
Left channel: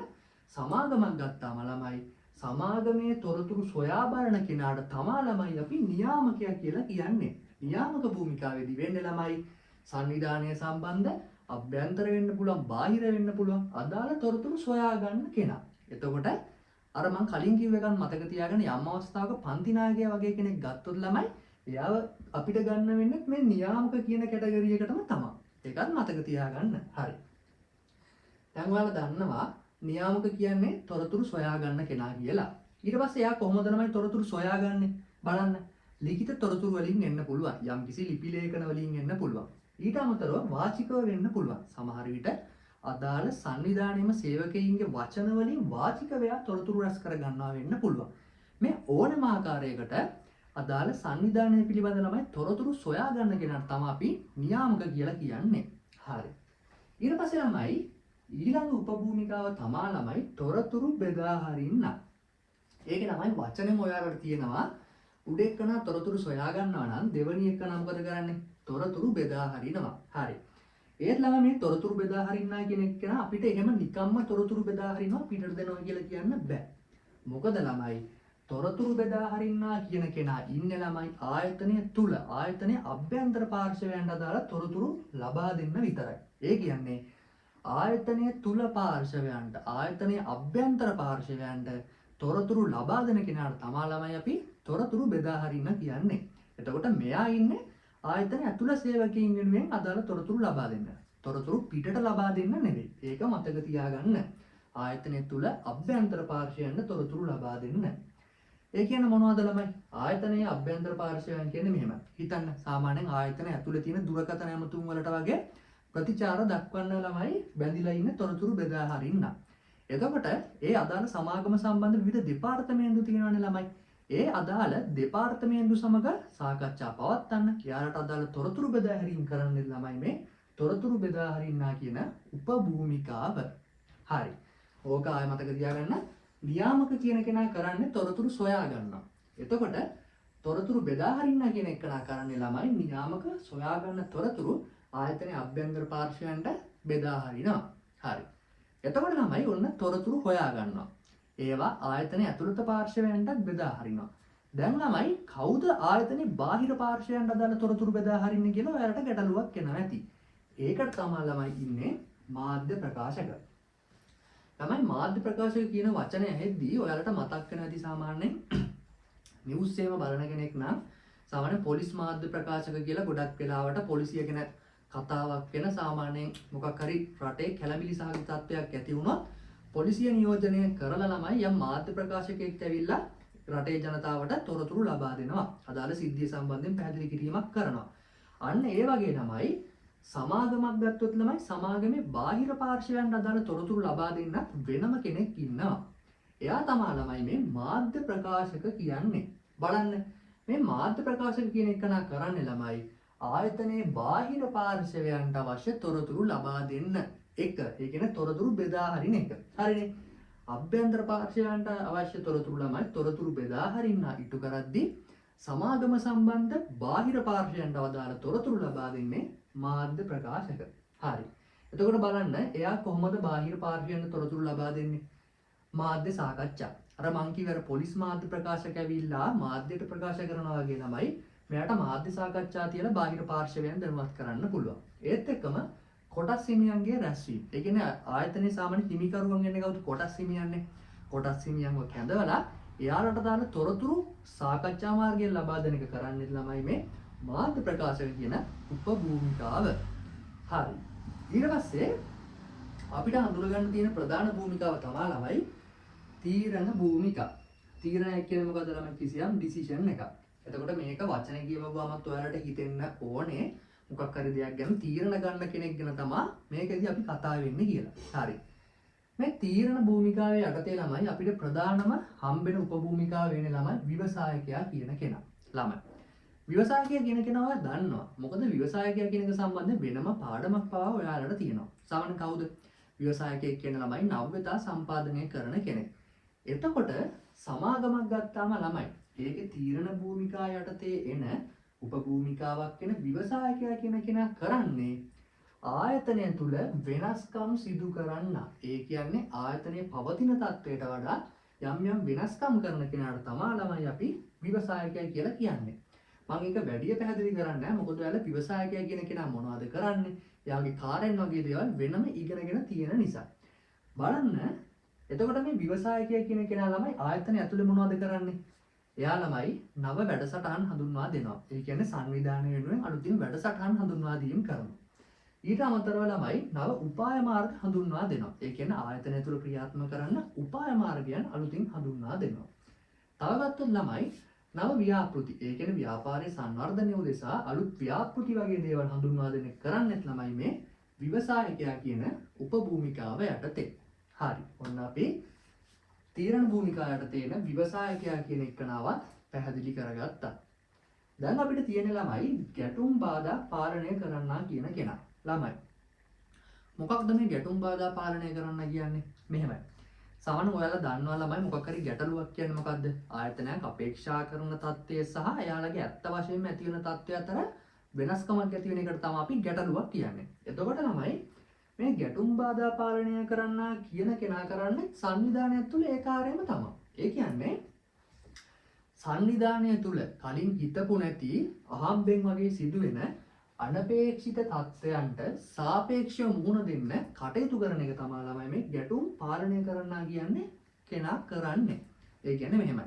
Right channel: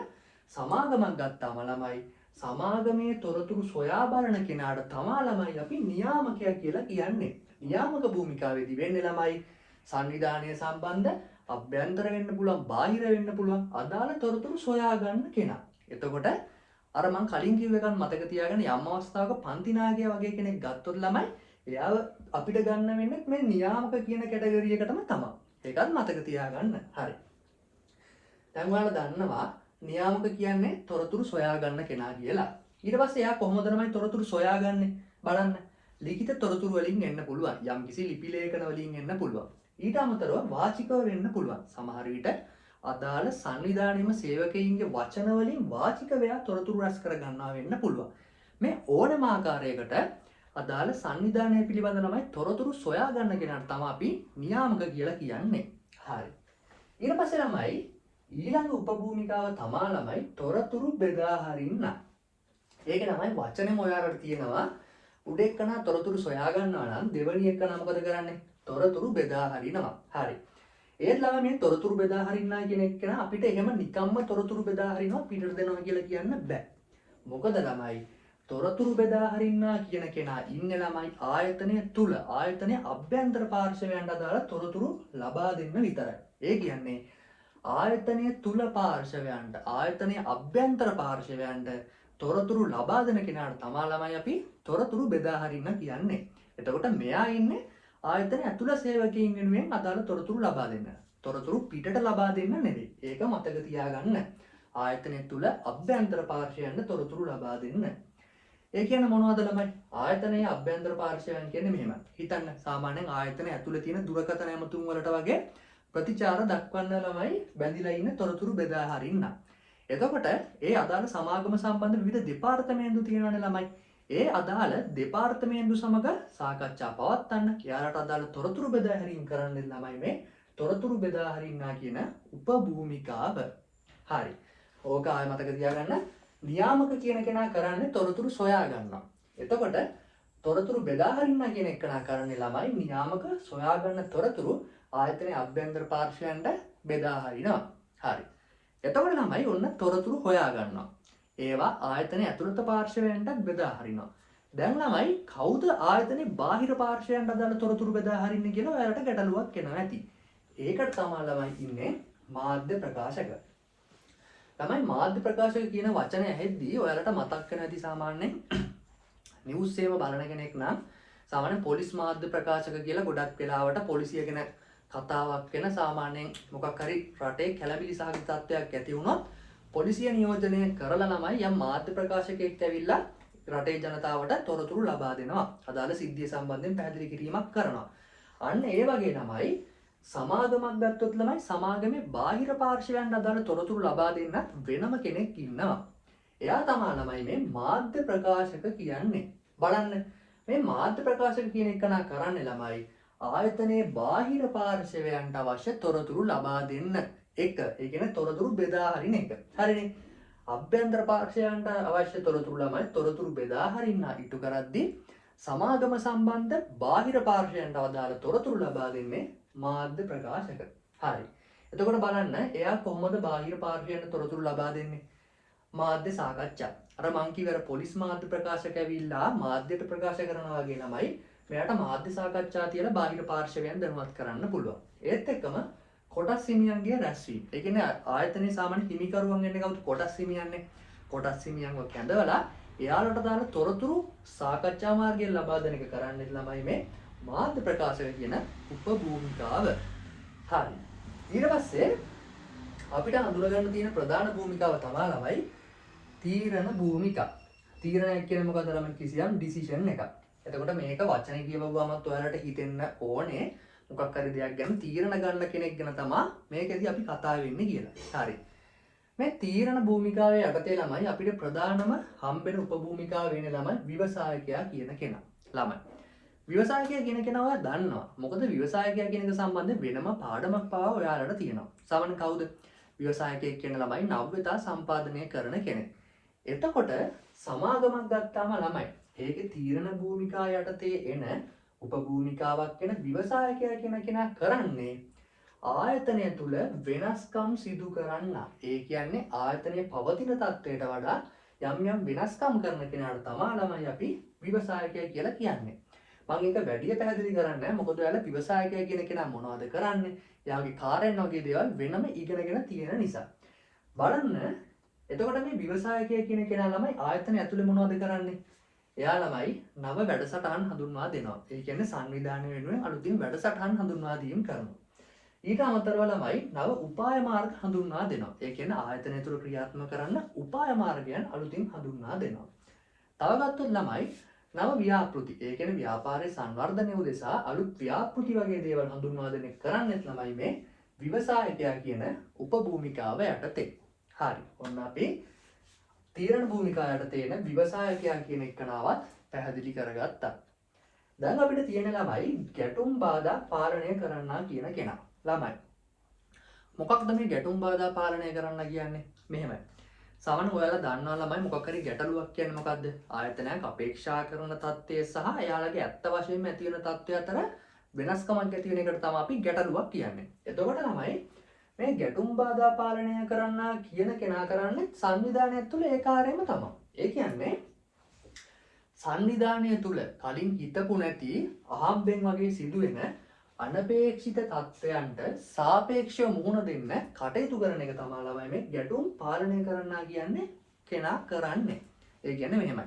සමාගමක් ගත්තාම ළමයි සමාගමේ තොරතුරු සොයා බලන කෙනාට තමා ළමයි අපි නියාමකයා කියලා කියන්නේ. නියාමක භූමිකාවේදී වෙන්නේ ළමයි සංවිධානය සම්බන්ධ අභ්‍යන්තර වෙන්න පුළුවන් බාහිර වෙන්න පුළුවන් අදාළ තොරතුරු සොයා ගන්න කෙනා. එතකොට අර මං කලින් කිව්ව එකත් මතක තියාගන්න යම් අවස්ථාවක පන්ති නායකයා වගේ කෙනෙක් ගත්තොත් ළමයි එයාව අපිට ගන්න වෙන්නේ මේ නියාමක කියන කැටගරි එකටම තමයි. ඒකත් මතක තියාගන්න. හරි. දැන් ඔයාලා දන්නවා නියාමක කියන්නේ තොරතුරු සොයා ගන්න කෙනා කියලා. ඊට පස්සේ එයා කොහොමද ළමයි තොරතුරු සොයාගන්නේ? බලන්න. ලිඛිත තොරතුරු වලින් එන්න පුළුවන්. යම්කිසි ලිපි ලේඛන වලින් එන්න පුළුවන්. ඊට අමතරව වාචිකව වෙන්න පුළුවන්. සමහර විට අදාළ සංවිධානයේම සේවකයින්ගේ වචන වලින් වාචිකව තොරතුරු රැස් කර ගන්නවා වෙන්න පුළුවන්. මේ ඕනෑම ආකාරයකට අදාළ සංවිධානය පිළිබඳ ළමයි තොරතුරු සොයා ගන්න කෙනාට තමයි අපි නියාමක කියලා කියන්නේ. හරි. ඊට පස්සේ ළමයි ඊළඟ උපභූමිකාව තමා ළමයි තොරතුරු බෙදා හරින්න. ඒක ළමයි වචනේම ඔයාලට තියෙනවා උඩ එක්කනා තොරතුරු සොයා ගන්නවා නම් දෙවෙනි එක්කනා මොකද කරන්නේ? තොරතුරු බෙදා හරිනවා. හරි. ඒත් ළමයි මේ තොරතුරු බෙදා හරින්නා කියන එක්කනා අපිට එහෙම නිකම්ම තොරතුරු බෙදා හරිනවා පිටට දෙනවා කියලා කියන්න බෑ. මොකද ළමයි තොරතුරු බෙදා හරින්නා කියන කෙනා ඉන්නේ ළමයි ආයතනය තුල ආයතනයේ අභ්‍යන්තර පාර්ශවයන්ට අදාළ තොරතුරු ලබා දෙන්න විතරයි. ඒ කියන්නේ ආයතනය තුල පාර්ශවයන්ට ආයතනයේ අභ්‍යන්තර පාර්ශවයන්ට තොරතුරු ලබා දෙන කෙනාට තමා ළමයි අපි තොරතුරු බෙදා හරින්න කියන්නේ. එතකොට මෙයා ඉන්නේ ආයතනය ඇතුළ සේවකයින් වෙනුවෙන් අදාළ තොරතුරු ලබා දෙන්න. තොරතුරු පිටට ලබා දෙන්න නෙවෙයි. ඒක මතක තියාගන්න. ආයතනය තුල අභ්‍යන්තර පාර්ශවයන්ට තොරතුරු ලබා දෙන්න. ඒ කියන්නේ මොනවද ළමයි? ආයතනයේ අභ්‍යන්තර පාර්ශවයන් කියන්නේ මෙහෙම. හිතන්න සාමාන්‍යයෙන් ආයතනය ඇතුළේ තියෙන දුරකථන ඇමතුම් වලට වගේ ප්‍රතිචාර දක්වන්න ළමයි බැඳිලා ඉන්න තොරතුරු බෙදා හරින්න. එතකොට ඒ අදාළ සමාගම සම්බන්ධ විවිධ දෙපාර්තමේන්තු තියෙනවානේ ළමයි. ඒ අදාළ දෙපාර්තමේන්තු සමග සාකච්ඡා පවත්වන්න එයාලට අදාළ තොරතුරු බෙදා හැරීම් කරන්න ළමයි මේ තොරතුරු බෙදා හරින්නා කියන උපභූමිකාව. හරි. ඕක ආය මතක තියාගන්න. නියාමක කියන කෙනා කරන්නේ තොරතුරු සොයා ගන්නවා. එතකොට තොරතුරු බෙදා හරින්නා කියන එකනා කරන්නේ ළමයි නියාමක සොයා ගන්න තොරතුරු ආයතනයේ අභ්‍යන්තර පාර්ශවයන්ට බෙදා හරිනවා. හරි. එතකොට ළමයි ඔන්න තොරතුරු හොයා ගන්නවා. ඒවා ආයතනයේ ඇතුළත පාර්ශවයන්ට බෙදා හරිනවා. දැන් ළමයි කවුද ආයතනයේ බාහිර පාර්ශවයන්ට අදාළ තොරතුරු බෙදා හරින්නේ කියලා ඔයාලට ගැටලුවක් එනවා ඇති. ඒකට තමයි ළමයි ඉන්නේ මාධ්‍ය ප්‍රකාශක. ළමයි මාධ්‍ය ප්‍රකාශක කියන වචනය ඇහෙද්දී ඔයාලට මතක් වෙන ඇති සාමාන්‍යයෙන් නිවුස් සේව බලන කෙනෙක් නම් සාමාන්‍ය පොලිස් මාධ්‍ය ප්‍රකාශක කියලා ගොඩක් වෙලාවට පොලිසිය ගැන කතාවක් වෙන සාමාන්‍යයෙන් මොකක් හරි රටේ කැළඹිලි සහගත තත්ත්වයක් ඇති වුණොත් පොලිසිය නියෝජනය කරලා ළමයි යම් මාධ්‍ය ප්‍රකාශකයෙක් ඇවිල්ලා රටේ ජනතාවට තොරතුරු ලබා දෙනවා. අදාළ සිද්ධිය සම්බන්ධයෙන් පැහැදිලි කිරීමක් කරනවා. අන්න ඒ වගේ ළමයි සමාගමක් ගත්තොත් ළමයි සමාගමේ බාහිර පාර්ශවයන්ට අදාළ තොරතුරු ලබා දෙන්නත් වෙනම කෙනෙක් ඉන්නවා. එයා තමයි ළමයි මේ මාධ්‍ය ප්‍රකාශක කියන්නේ. බලන්න මේ මාධ්‍ය ප්‍රකාශක කියන එක නා කරන්නේ ළමයි ආයතනයේ බාහිර පාර්ශවයන්ට අවශ්‍ය තොරතුරු ලබා දෙන්න එක. ඒ කියන්නේ තොරතුරු බෙදා හරින එක. හරිනේ. අභ්‍යන්තර පාර්ශවයන්ට අවශ්‍ය තොරතුරු ළමයි තොරතුරු බෙදා හරින්න ඉටු කරද්දී සමාගම සම්බන්ධ බාහිර පාර්ශවයන්ට අදාළ තොරතුරු ලබා දෙන්නේ මාධ්‍ය ප්‍රකාශක. හරි. එතකොට බලන්න එයා කොහොමද බාහිර පාර්ශවයන්ට තොරතුරු ලබා දෙන්නේ? මාධ්‍ය සාකච්ඡා. අර මං කිව්ව පොලිස් මාධ්‍ය ප්‍රකාශක ඇවිල්ලා මාධ්‍යට ප්‍රකාශ කරනවා වගේ ළමයි මෙයාට මාධ්‍ය සාකච්ඡා තියලා බාහිර පාර්ශවයන් දැනුවත් කරන්න පුළුවන්. ඒත් එක්කම කොටස් හිමියන්ගේ රැස්වීම. ඒ කියන්නේ ආයතනයේ සාමාන්‍ය හිමිකරුවන් එන්නේ කවුද? කොටස් හිමියන්නේ. කොටස් හිමියන්ව කැඳවලා එයාලට දාන තොරතුරු සාකච්ඡා මාර්ගයෙන් ලබා දෙන එක කරන්නේ ළමයි මේ මාධ්‍ය ප්‍රකාශක කියන උපභූමිකාව. හරි. ඊට පස්සේ අපිට හඳුනගන්න තියෙන ප්‍රධාන භූමිකාව තමයි ළමයි තීරණ භූමිකා. තීරණය කියන්නේ මොකද ළමයි? කිසියම් ඩිසිෂන් එකක්. එතකොට මේක වචනේ කියවගමත් ඔයාලට හිතෙන්න ඕනේ මොකක් හරි දෙයක් ගැන තීරණ ගන්න කෙනෙක් ගැන තමයි මේකෙදි අපි කතා වෙන්නේ කියලා. හරි. මේ තීරණ භූමිකාවේ යටතේ ළමයි අපිට ප්‍රධානම හම්බෙන උපභූමිකාව වෙන්නේ ළමයි ව්‍යවසායකයා කියන කෙනා. ළමයි. ව්‍යවසායකයා කියන කෙනා ඔයා දන්නවා. මොකද ව්‍යවසායකයා කියන එක සම්බන්ධයෙන් වෙනම පාඩමක් පවා ඔයාලට තියෙනවා. සමන් කවුද? ව්‍යවසායකයෙක් කියන ළමයි නව්‍යතා සම්පාදනය කරන කෙනෙක්. එතකොට සමාගමක් ගත්තාම ළමයි ඒකේ තීරණ භූමිකා යටතේ එන උපභූමිකාවක් වෙන ව්‍යවසායකයා කියන කෙනා කරන්නේ ආයතනය තුල වෙනස්කම් සිදු කරන්න. ඒ කියන්නේ ආයතනයේ පවතින තත්ත්වයට වඩා යම් යම් වෙනස්කම් කරන කෙනාට තමයි ළමයි අපි ව්‍යවසායකයා කියලා කියන්නේ. මම ඒක වැඩි පැහැදිලි කරන්නේ නැහැ. මොකද ඔයාලා ව්‍යවසායකයා කියන කෙනා මොනවද කරන්නේ? එයාගේ කාර්යයන් වගේ දේවල් වෙනම ඉගෙනගෙන තියෙන නිසා. බලන්න. එතකොට මේ ව්‍යවසායකයා කියන කෙනා ළමයි ආයතනය ඇතුලේ මොනවද කරන්නේ? එයා ළමයි නව වැඩසටහන් හඳුන්වා දෙනවා. ඒ කියන්නේ සංවිධානය වෙනුවෙන් අලුතින් වැඩසටහන් හඳුන්වා දීම කරනවා. ඊට අමතරව ළමයි නව උපාය මාර්ග හඳුන්වා දෙනවා. ඒ කියන්නේ ආයතනය තුළ ක්‍රියාත්මක කරන්න උපාය මාර්ගයන් අලුතින් හඳුන්වා දෙනවා. තව ගත්තොත් ළමයි නව ව්‍යාපෘති. ඒ කියන්නේ ව්‍යාපාරයේ සංවර්ධනය උදෙසා අලුත් ව්‍යාපෘති වගේ දේවල් හඳුන්වා දෙන කරන්නත් ළමයි මේ ව්‍යවසායකයා කියන උපභූමිකාව යටතේ. හරි. ඔන්න අපි තීරණ භූමිකාව යටතේ එන ව්‍යවසායකයා කියන එකනාවත් පැහැදිලි කරගත්තා. දැන් අපිට තියෙන ළමයි ගැටුම් බාධා පාලනය කරන්නා කියන කෙනා. ළමයි. මොකක්ද මේ ගැටුම් බාධා පාලනය කරන්න කියන්නේ? මෙහෙමයි. සමහරවිට ඔයාලා දන්නවා ළමයි මොකක් හරි ගැටලුවක් කියන්නේ මොකද්ද? ආයතනයක් අපේක්ෂා කරන තත්ත්වය සහ එයාලගේ ඇත්ත වශයෙන්ම ඇති වෙන තත්ත්වය අතර වෙනස්කමක් ඇති වෙන එකට තමයි අපි ගැටලුවක් කියන්නේ. එතකොට ළමයි මේ ගැටුම් බාධා පාලනය කරන්න කියන කෙනා කරන්නේ සංවිධානය තුළ ඒ කාර්යම තමයි. ඒ කියන්නේ සංවිධානය තුළ කලින් හිතපු නැති අහම්බෙන් වගේ සිදුවෙන අනපේක්ෂිත තත්ත්වයන්ට සාපේක්ෂව මුහුණ දෙන්න කටයුතු කරන එක තමයි ළමයි මේ ගැටුම් පාලනය කරන්න කියන්නේ කෙනා කරන්නේ. ඒ කියන්නේ මෙහෙමයි.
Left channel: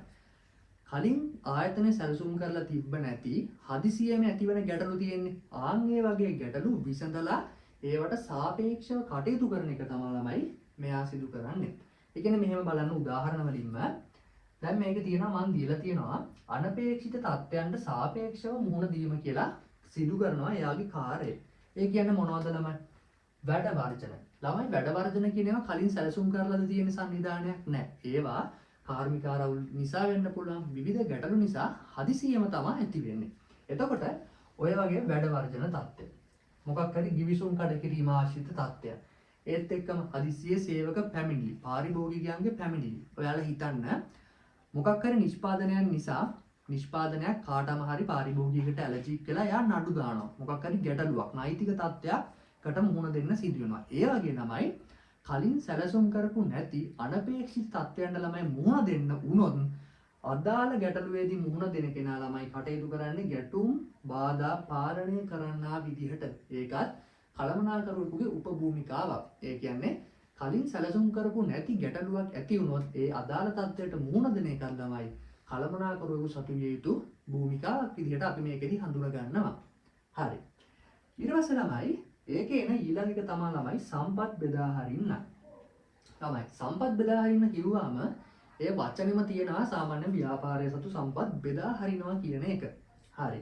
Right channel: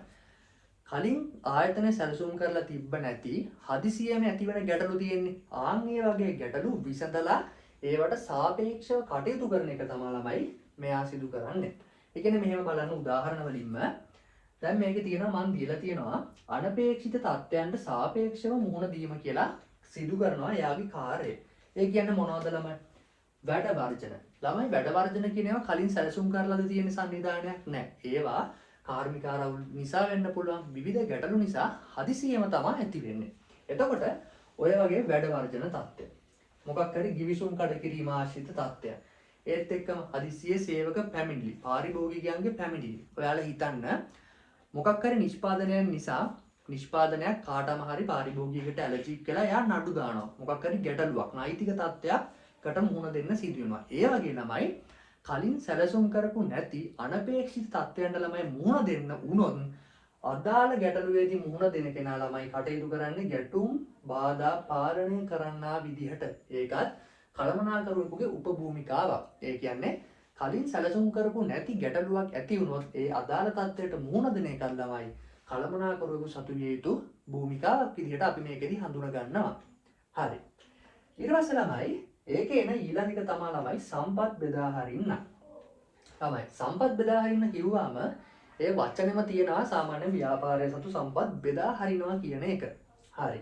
කලින් ආයතන සැලසුම් කරලා තිබ්බ නැති හදිසියෙම ඇතිවන ගැටලු තියෙන්නේ. ආන් ඒ වගේ ගැටලු විසඳලා ඒවට සාපේක්ෂව කටයුතු කරන එක තමයි ළමයි මෙයා සිදු කරන්නේ. ඒ කියන්නේ මෙහෙම බලන්න උදාහරණ වලින්ම දැන් මේකේ තියෙනවා මම දීලා තියෙනවා අනපේක්ෂිත තත්ත්වයන්ට සාපේක්ෂව මුහුණ දීම කියලා සිදු කරනවා එයාගේ කාර්යය. ඒ කියන්නේ මොනවද ළමයි? වැඩ වර්ජන. ළමයි වැඩ වර්ජන කියන ඒවා කලින් සැලසුම් කරලාද තියෙන සංවිධානයක් නැහැ. ඒවා කාර්මික ආරවුල් නිසා වෙන්න පුළුවන් විවිධ ගැටලු නිසා හදිසියෙම තමයි ඇති වෙන්නේ. එතකොට ඔය වගේ වැඩ වර්ජන තත්ත්වය මොකක් හරි ගිවිසුම් කඩ කිරීම ආශ්‍රිත තත්ත්වයක්. ඒත් එක්කම හදිසියේ සේවක පැමිණිලි, පාරිභෝගිකයන්ගේ පැමිණිලි. ඔයාලා හිතන්න මොකක් හරි නිෂ්පාදනයන් නිසා නිෂ්පාදනයක් කාටම හරි පාරිභෝගිකයට ඇලර්ජික් වෙලා එයා නඩු දානවා. මොකක් හරි ගැටලුවක්, නෛතික තත්ත්වයකට මුහුණ දෙන්න සිදු වෙනවා. ඒ වගේ ළමයි කලින් සැලසුම් කරපු නැති අනපේක්ෂිත තත්ත්වයන්ට ළමයි මුහුණ දෙන්න වුණොත් අදාළ ගැටලුවේදී මුහුණ දෙන කෙනා ළමයි කටයුතු කරන්නේ ගැටුම් බාධා පාලනය කරන්නා විදිහට. ඒකත් කළමනාකරුවෙකුගේ උපභූමිකාවක්. ඒ කියන්නේ කලින් සැලසුම් කරපු නැති ගැටලුවක් ඇති වුණොත් ඒ අදාළ තත්ත්වයට මුහුණ දෙන එක ළමයි කළමනාකරුවෙකු සතු විය යුතු භූමිකාවක් විදිහට අපි මේකෙදි හඳුනා ගන්නවා. හරි. ඊට පස්සේ ළමයි ඒකේ එන ඊළඟ එක තමයි ළමයි සම්පත් බෙදා හරින්න. ළමයි සම්පත් බෙදා හරින්න කිව්වම ඒ වචනේම තියෙනවා සාමාන්‍ය ව්‍යාපාරයේ සතු සම්පත් බෙදා හරිනවා කියන එක. හරි.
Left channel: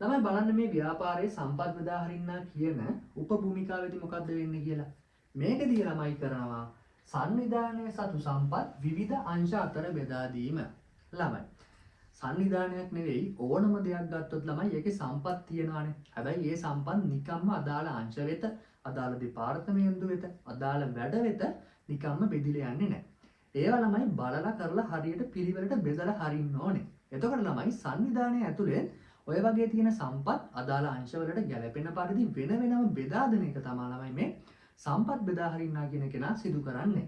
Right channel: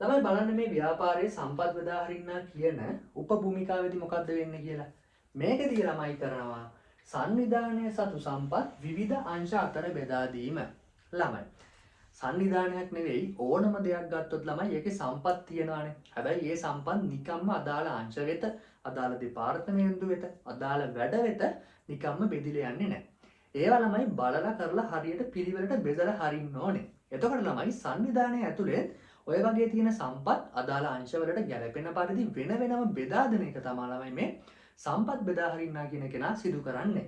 ළමයි බලන්න මේ ව්‍යාපාරයේ සම්පත් බෙදා හරින්න කියන උපභූමිකාවේදී මොකද්ද වෙන්නේ කියලා. මේකදී ළමයි කරනවා සංවිධානයේ සතු සම්පත් විවිධ අංශ අතර බෙදා දීම. ළමයි සංවිධානයක් නෙවෙයි ඕනම දෙයක් ගත්තොත් ළමයි ඒකේ සම්පත් තියෙනවානේ. හැබැයි ඒ සම්පත් නිකම්ම අදාළ අංශ වෙත, අදාළ දෙපාර්තමේන්තුව වෙත, අදාළ වැඩ වෙත නිකම්ම බෙදිලා යන්නේ නැහැ. ඒවා ළමයි බලලා කරලා හරියට පිළිවෙලට බෙදලා හරින්න ඕනේ. එතකොට ළමයි සංවිධානයේ ඇතුලේ ඔය වගේ තියෙන සම්පත් අදාළ අංශවලට ගැලපෙන පරිදි වෙන වෙනම බෙදා දෙන එක තමයි ළමයි මේ සම්පත් බෙදා හරින්නා කියන කෙනා සිදු කරන්නේ.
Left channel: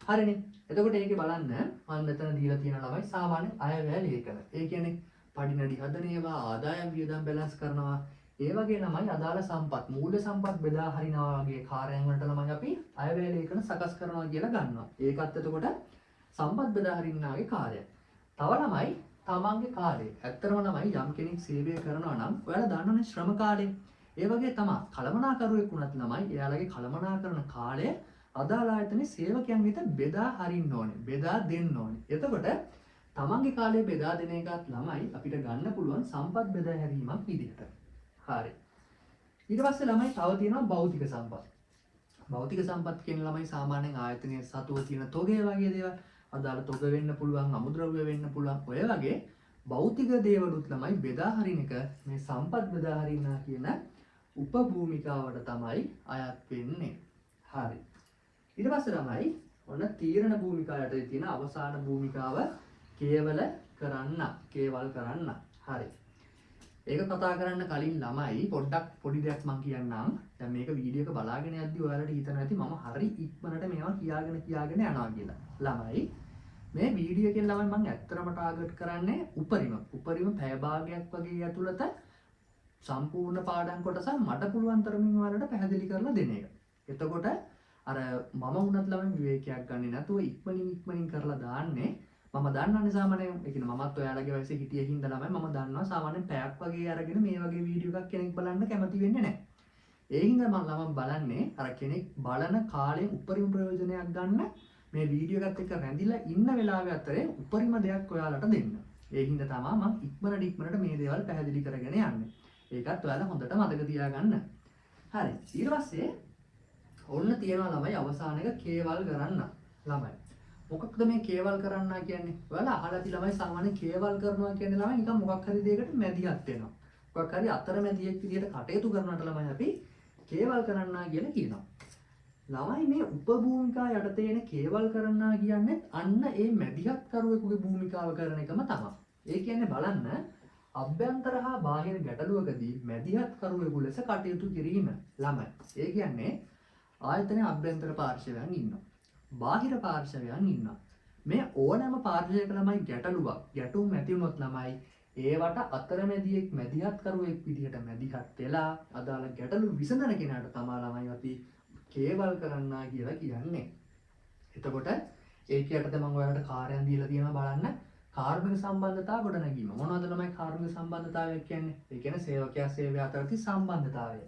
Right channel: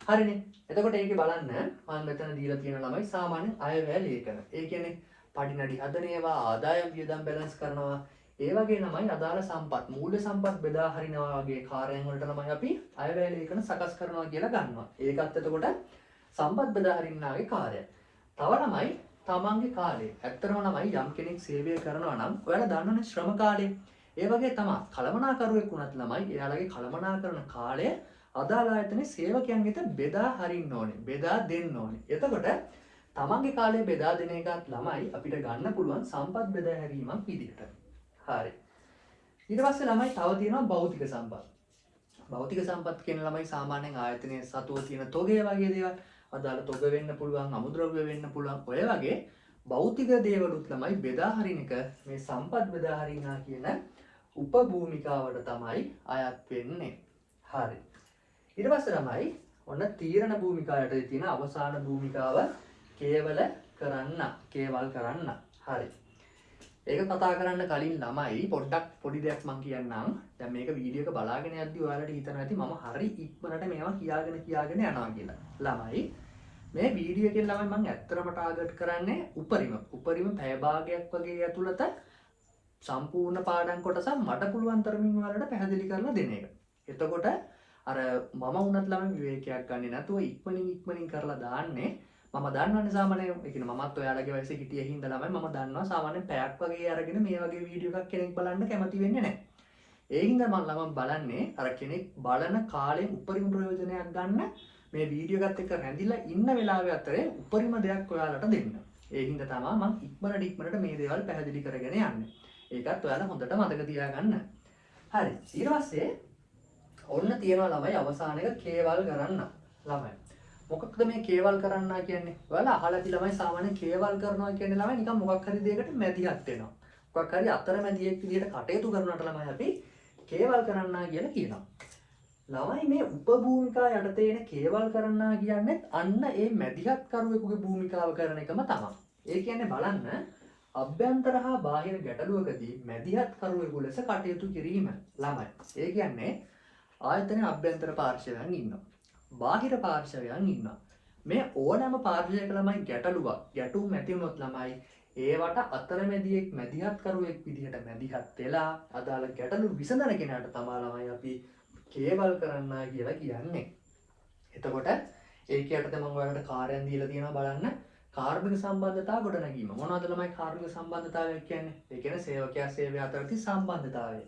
හරිනේ. එතකොට ඒකේ බලන්න මම මෙතන දීලා තියෙන ළමයි සාමාන්‍ය අයවැය ලේඛන. ඒ කියන්නේ පඩිනඩි හදන ඒවා, ආදායම් වියදම් බැලන්ස් කරනවා. ඒ වගේ ළමයි අදාළ සම්පත්, මූල්‍ය සම්පත් බෙදා හරිනවා වගේ කාර්යයන් වලට ළමයි අපි අයවැය ලේඛන සකස් කරනවා කියලා ගන්නවා. ඒකත් එතකොට සම්පත් බෙදා හරින්නාගේ කාර්යය. තව ළමයි තමන්ගේ කාලේ. ඇත්තටම ළමයි යම් කෙනෙක් සේවය කරනවා නම් ඔයාලා දන්නවනේ ශ්‍රම කාලය. ඒ වගේ තමයි කළමනාකරුවෙක් වුණත් ළමයි එයාලගේ කළමනාකරන කාලය අදාළ ආයතනයේ සේවකයන් වෙත බෙදා හරින්න ඕනේ. බෙදා දෙන්න ඕනේ. එතකොට තමන්ගේ කාලය බෙදා දෙන එකත් ළමයි අපිට ගන්න පුළුවන් සම්පත් බෙදා හැරීමක් විදිහට. හරි. ඊට පස්සේ ළමයි තව තියෙනවා භෞතික සම්පත්. භෞතික සම්පත් කියන ළමයි සාමාන්‍යයෙන් ආයතනයේ සතුව තියෙන තොගය වගේ දේවල් අදාළ තොග වෙන්න පුළුවන්, අමුද්‍රව්‍ය වෙන්න පුළුවන්. ඔය වගේ භෞතික දේවලුත් ළමයි බෙදා හරින එක මේ සම්පත් බෙදා හරිනවා කියන උපභූමිකාවට තමයි අයත් වෙන්නේ. හරි. ඊට පස්සේ ළමයි ඔන්න තීරණ භූමිකාවට තියෙන අවසාන භූමිකාව කේවල කරන්න. හරි. ඒක කතා කරන්න කලින් ළමයි පොඩ්ඩක් පොඩි දෙයක් මම කියන්නම්. දැන් මේක වීඩියෝ එක බලාගෙන යද්දි ඔයාලට හිතන ඇති මම හරි ඉක්මනට මේවා කියාගෙන යනවා කියලා. ළමයි මේ වීඩියෝ එකෙන් ළමයි මම ඇත්තටම ටාගට් කරන්නේ උපරිම පැය භාගයක් වගේ ඇතුළත සම්පූර්ණ පාඩම් කොටස මට පුළුවන් තරමින් ඔයාලට පැහැදිලි කරලා දෙන එක. එතකොට අර මම වුණත් ළමයි විවේකයක් ගන්නේ නැතුව ඉක්මනින් කරලා දාන්නේ. මම දන්නවනේ සාමාන්‍යයෙන් ඒ කියන්නේ මමත් ඔයාලගේ වයසේ හිටියේ හින්දා ළමයි මම දන්නවා සාමාන්‍යයෙන් පැයක් වගේ අරගෙන මේ වගේ වීඩියෝ එකක් කෙනෙක් බලන්න කැමති වෙන්නේ නැහැ. ඒ හින්දා මම ළමයි බලන්නේ අර කෙනෙක් බලන කාලේ උපරිම ප්‍රයෝජනයක් ගන්න මේ වීඩියෝ එකත් එක්ක රැඳිලා ඉන්න වෙලාවේ අතරේ උපරිම දෙයක් ඔයාලට දෙන්න. ඒ හින්දා තමයි මම ඉක්මනට මේ දේවල් පැහැදිලි කරගෙන යන්නේ. ඒකත් ඔයාලා හොඳට මතක තියාගන්න. හරි. ඊට පස්සේ ඔන්න තියෙනවා ළමයි අවසාන එක කේවල් කරන්න. ළමයි මොකක්ද මේ කේවල් කරන්නා කියන්නේ? ඔයාලා අහලා ඇති ළමයි සාමාන්‍යයෙන් කේවල් කරනවා කියන්නේ ළමයි නිකන් මොකක් හරි දෙයකට මැදිහත් වෙනවා. මොකක් හරි අතරමැදියෙක් විදිහට කටයුතු කරනට ළමයි අපි කේවල් කරන්නා කියලා කියනවා. ළමයි මේ උපභූමිකා යටතේ එන කේවල් කරන්නා කියන්නේ අන්න ඒ මැදිහත් කරුවෙකුගේ භූමිකාව කරන එකම තමයි. ඒ කියන්නේ බලන්න අභ්‍යන්තර හා බාහිර ගැටලුවකදී මැදිහත් කරුවෙකු ලෙස කටයුතු කිරීම ළමයි. ඒ කියන්නේ ආයතනයේ අභ්‍යන්තර පාර්ශවයන් ඉන්නවා. බාහිර පාර්ශවයන් ඉන්නවා. මේ ඕනෑම පාර්ශවයක ළමයි ගැටුම් ඇති වුණොත් ළමයි ඒවට අතරමැදියෙක් මැදිහත් කරුවෙක් විදිහට මැදිහත් වෙලා අදාළ ගැටලු විසඳන කෙනාට තමයි ළමයි අපි කේවල් කරන්නා කියලා කියන්නේ. එතකොට ඒක යටතේ මම ඔයාලට කාර්යයන් දීලා තියෙනවා බලන්න. කාර්මික සම්බන්ධතා ගොඩනැගීම. මොනවද ළමයි කාර්මික සම්බන්ධතාවය කියන්නේ? ඒ කියන්නේ සේවකයා සේවය අතර තියෙන සම්බන්ධතාවය.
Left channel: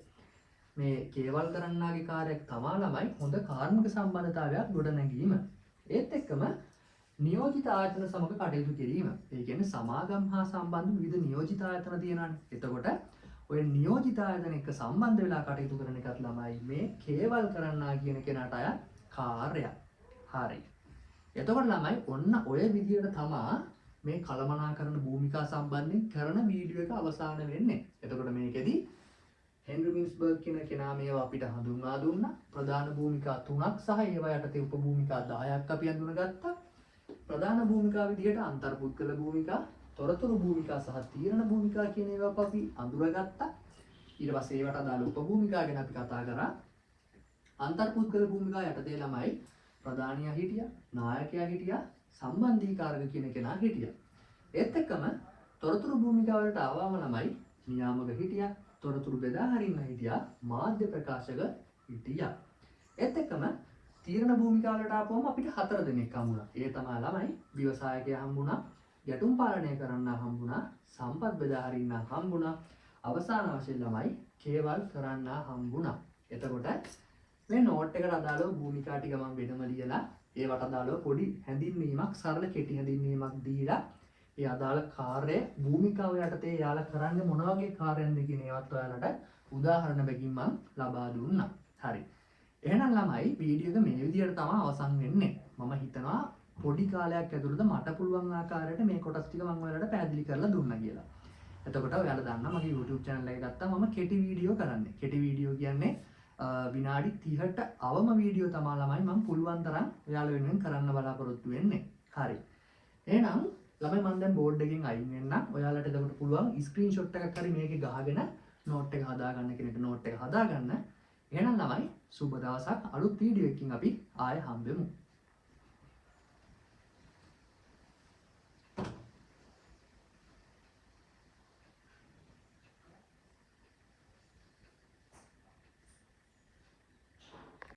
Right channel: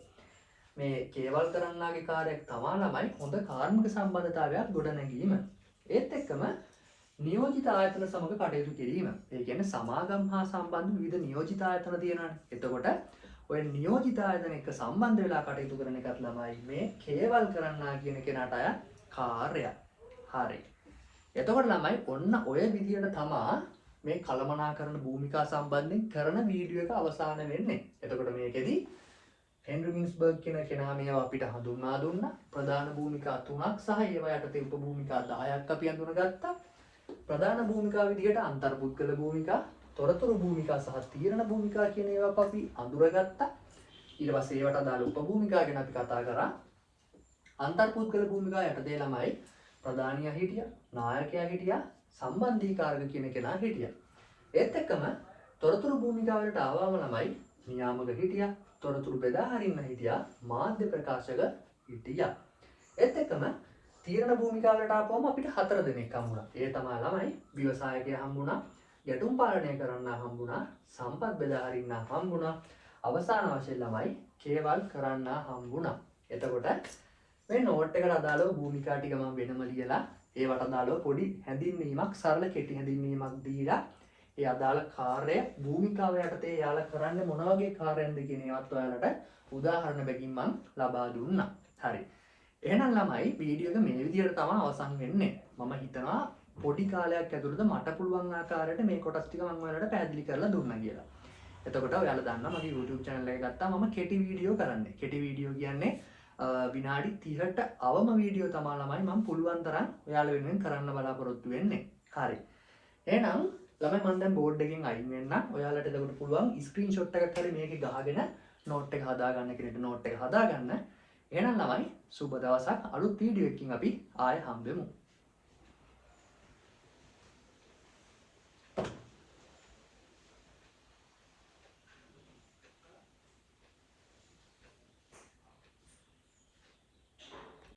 මේ කේවල් කරන්නාගේ කාර්යයක් තමයි ළමයි හොඳ කාර්මික සම්බන්ධතාවයක් ගොඩනැගීම. ඒත් එක්කම නියෝජිත ආයතන සමග කටයුතු කිරීම. ඒ කියන්නේ සමාගම් හා සම්බන්ධ විවිධ නියෝජිත ආයතන තියෙනවානේ. එතකොට ඔය නියෝජිත ආයතන එක්ක සම්බන්ධ වෙලා කටයුතු කරන එකත් ළමයි මේ කේවල් කරන්නා කියන කෙනාට අය කාර්යය. හරි. එතකොට ළමයි ඔන්න ඔය විදිහට තමා මේ කළමනාකරන භූමිකා සම්බන්ධයෙන් කරන වීඩියෝ එක අවසාන වෙන්නේ. එතකොට මේකෙදි හෙන්රි මින්ස්බර්ග් කියන කෙනා මේවා අපිට හඳුන්වා දුන්නා. ප්‍රධාන භූමිකා 3ක් සහ ඒවා යටතේ උපභූමිකා 10ක් අපි හඳුනගත්තා. ප්‍රධාන භූමිකා විදිහට අන්තර්පුද්ගල භූමිකා, තොරතුරු භූමිකා සහ තීරණ භූමිකා කියන ඒවා අපි අඳුරගත්තා. ඊට පස්සේ ඒවට අදාළ උපභූමිකා ගැන අපි කතා කරා. අන්තර්පුද්ගල භූමිකා යටතේ ළමයි ප්‍රධානියා හිටියා, නායකයා හිටියා, සම්බන්ධීකාරක කියන කෙනා හිටියා. ඒත් එක්කම තොරතුරු භූමිකා වලට ආවම ළමයි නියාමක හිටියා, තොරතුරු බෙදා හරින්න හිටියා, මාධ්‍ය ප්‍රකාශක හිටියා. ඒත් එක්කම තීරණ භූමිකා වලට ආපුවම අපිට 4 දෙනෙක් හම්බුණා. ඒ තමයි ළමයි ව්‍යවසායකයා හම්බුණා, ගැටුම් පාලනය කරන්න හම්බුණා, සම්පත් බෙදා හරින්න හම්බුණා, අවසාන වශයෙන් ළමයි කේවල් කරන්න හම්බුණා. එතකොට මේ නෝට් එකට අදාළව භූමිකා ටික මම වෙනම ලියලා ඒවට අදාළව පොඩි හැඳින්වීමක්, සරල කෙටි හැඳින්වීමක් දීලා ඒ අදාළ කාර්යය භූමිකාව යටතේ යාලා කරන්නේ මොන වගේ කාර්යයන්ද කියන ඒවත් ඔයාලට උදාහරණ බැගින් මම ලබා දුන්නා. හරි. එහෙනම් ළමයි වීඩියෝ එක මේ විදිහට තමයි අවසන් වෙන්නේ. මම හිතනවා පොඩි කාලයක් ඇතුළත මට පුළුවන් ආකාරයට මේ කොටස් ටික මම ඔයාලට පැහැදිලි කරලා දුන්නා කියලා. එතකොට ඔයාලා දන්නා මගේ YouTube channel එක ගත්තා මම කෙටි වීඩියෝ කරන්නේ. කෙටි වීඩියෝ කියන්නේ විනාඩි 30ට අවම වීඩියෝ තමයි ළමයි මම පුළුවන් තරම් ඔයාලා වෙනුවෙන් කරන්න බලාපොරොත්තු වෙන්නේ. හරි. එහෙනම් ළමයි මම දැන් බෝඩ් එකෙන් අයින් වෙන්නම්. ඔයාලට එතකොට පුළුවන් ස්ක්‍රීන්ෂොට් එකක් හරි මේකේ ගහගෙන නෝට් එක හදාගන්න කෙනෙක්ට නෝට් එක හදාගන්න. එහෙනම් ළමයි සුබ දවසක්. අලුත් වීඩියෝ එකකින් අපි ආයෙ හම්බෙමු.